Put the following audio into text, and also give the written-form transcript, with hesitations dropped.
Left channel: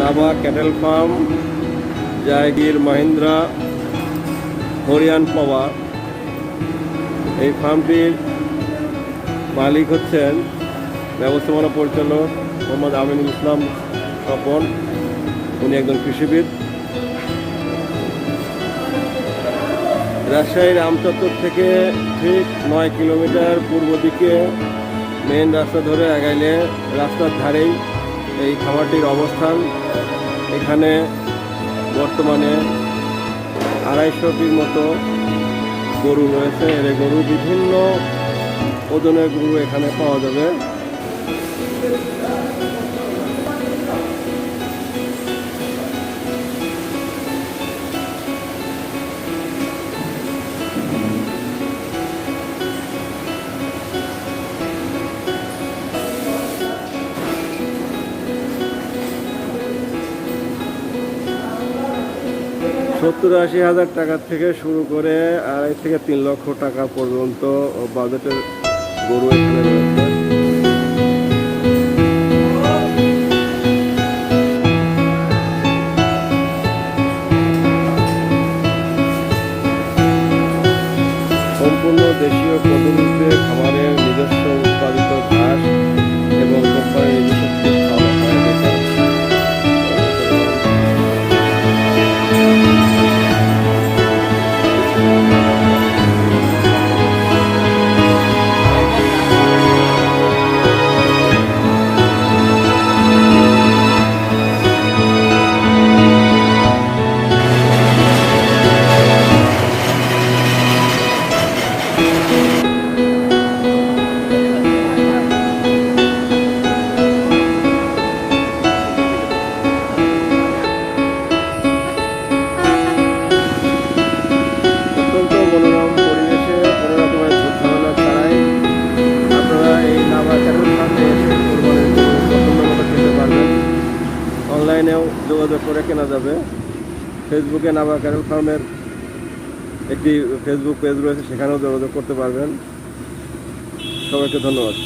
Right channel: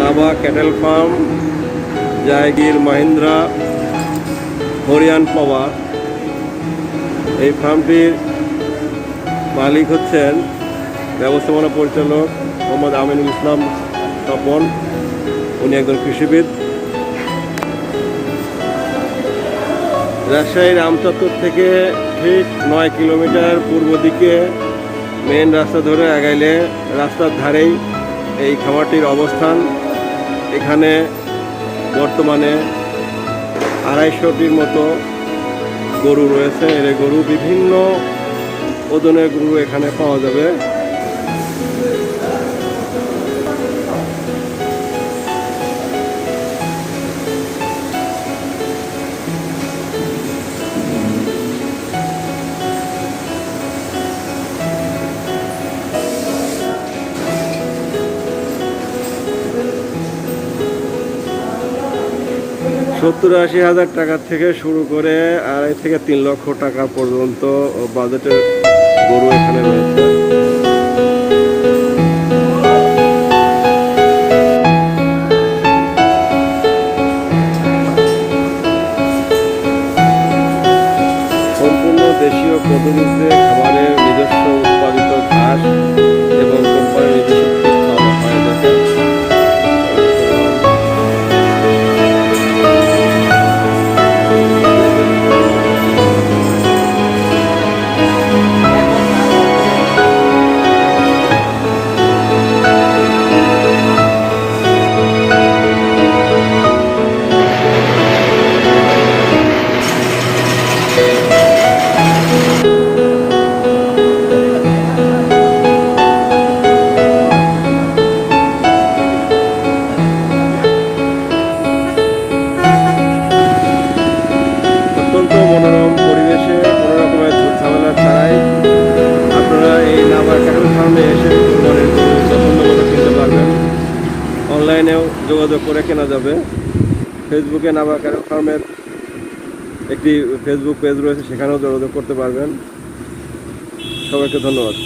নাবা cattle farm, জায়গির Mahindra হরিয়ান পাওয়ার। এই ফার্মটির মালিক হচ্ছেন ব্যবস্থাপনা পরিচালক মোহাম্মদ আমিনুল ইসলাম স্বপন। উনি একজন কৃষিবিদ। রাজশাহীর আমচত্বর থেকে ঠিক 9 কিলোমিটার পূর্ব দিকে মেন রাস্তা ধরে আগাইলে রাস্তার ধারেই এই খামারটির অবস্থান। এখানে বর্তমানে 250টির মতো গরু রয়েছে। এর গরু বিভিন্ন ওজনের গরু এখানে পাওয়া যাবে। $70-80 টাকা থেকে শুরু করে 2.5 থেকে 3 লক্ষ টাকা পর্যন্ত বাজেটের গরু এখানে রয়েছে। সম্পূর্ণ দেশীয় পদ্ধতিতে খামারের নিজস্ব উৎপাদিত ঘাস এবং কোম্পানির নিজস্ব ফিড খাওয়ানো হয় এদেরকে। অত্যন্ত মনোরম পরিবেশে কোনো রকমের ঝামেলা ছাড়াই আপনারা এই নাবা ক্যাটেল ফার্মে এসে কোরবানির গরু পছন্দ মতো কিনতে পারবেন। অনলাইনেও যোগাযোগ করে কেনা যাবে। ফেসবুকে নাবা ক্যাটেল ফার্মের একটি ফেসবুক পেজ রয়েছে, সেখানেও যোগাযোগ করতে পারবেন। সবাইকে ধন্যবাদ।